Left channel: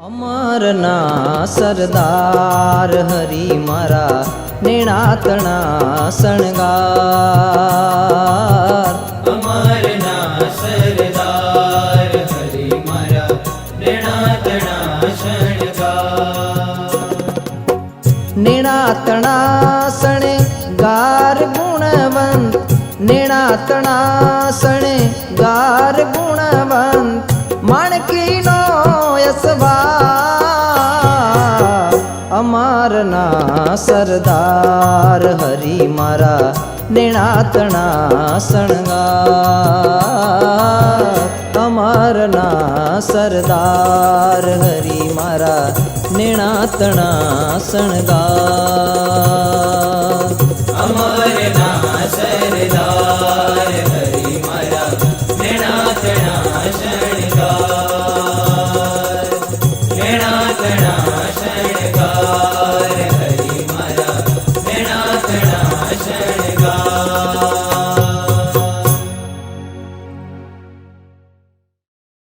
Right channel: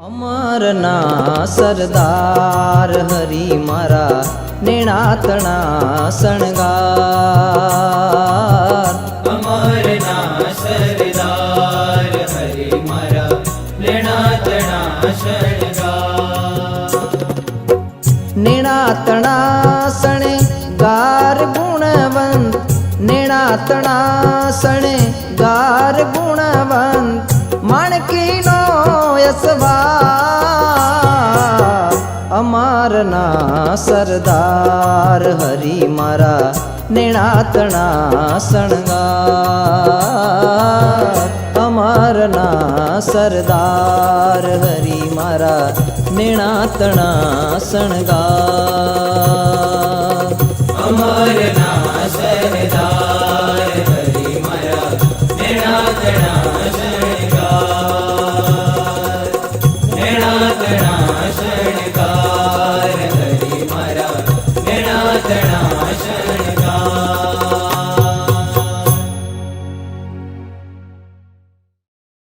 અમરના સરદાર હરી મારા નેણાતણા શણગાર। અમરના સરદાર હરી મારા નેણાતણા શણગાર। નેણાતણા શણગાર ગુણવંત, નેણાતણા શણગાર ગુણવંત, માણકીનો યશવાર। અમારના સરદાર હરી મારા નેણાતણા શણગાર। અમારના સરદાર હરી મારા નેણાતણા શણગાર। અમરના સરદાર હરી મારા નેણાતણા શણગાર। નેણાતણા શણગાર હરી મારા નેણાતણા શણગાર।